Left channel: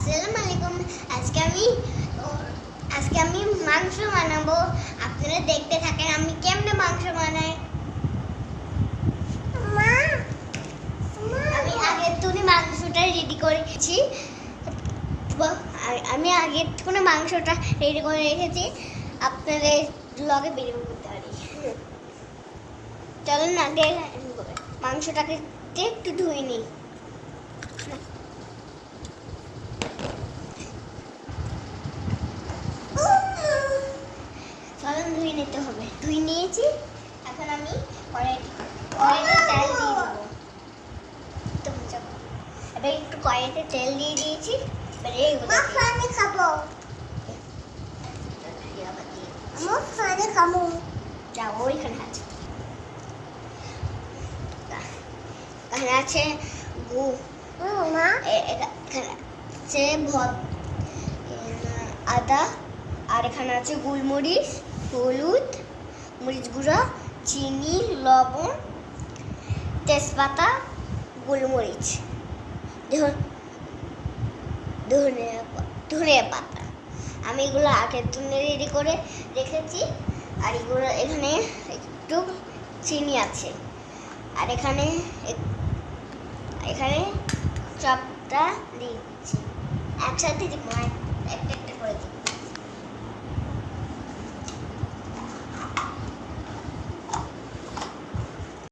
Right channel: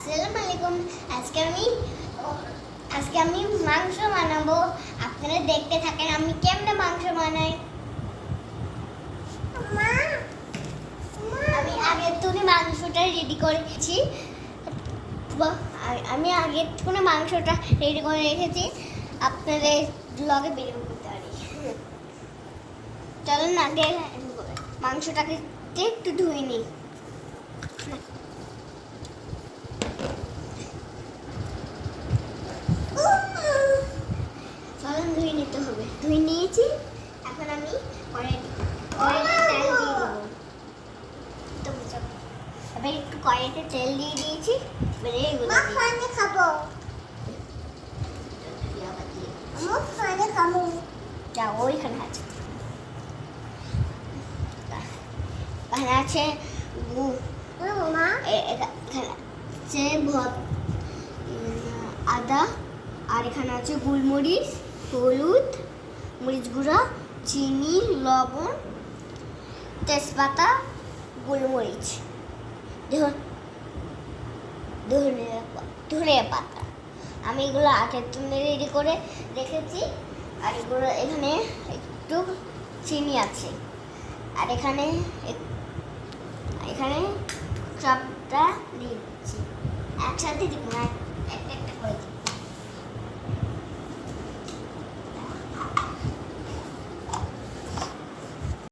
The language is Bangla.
আসসালামু আলাইকুম। আজকে আমি মাংস বানাবো। আপনারা দেখতে থাকেন আমি কেমনে মাংস বানাই। আমি আগে তুলে মাংসটা রেডি করেছি। আমি আগে তুলে মাংসটা রেডি করে রেখেছি। আপনাদের ব্লগে ভিডিও করতে পারি। চলুন আগে মাংসটাকে একটু ধুয়ে নিই। ধুয়ে নিতে হবে। ধুয়ে নিয়েছি। এখন আমি কড়াইতে তেল দিয়ে দেবো। এবার একটু কড়াইতে তেল দিয়ে দিয়েছি। এবারে এগুলো খাবো। যাও ওইখানে আছে। এখানে আছে আদা, আর এখানে আছে গোলমরিচ, হলুদ, মরিচ গুঁড়া, চিনি, লবণ, তেজপাতা, গোলমরিচ, ধনিয়া পাতা। আমি এগুলো আগে তুলে রেডি করে রেখেছি। আর এগুলো এখানে একটু চিনি আছে। আর এখানে সবটা দিচ্ছি একসাথে, দিব না, একটা একটা করে দিব।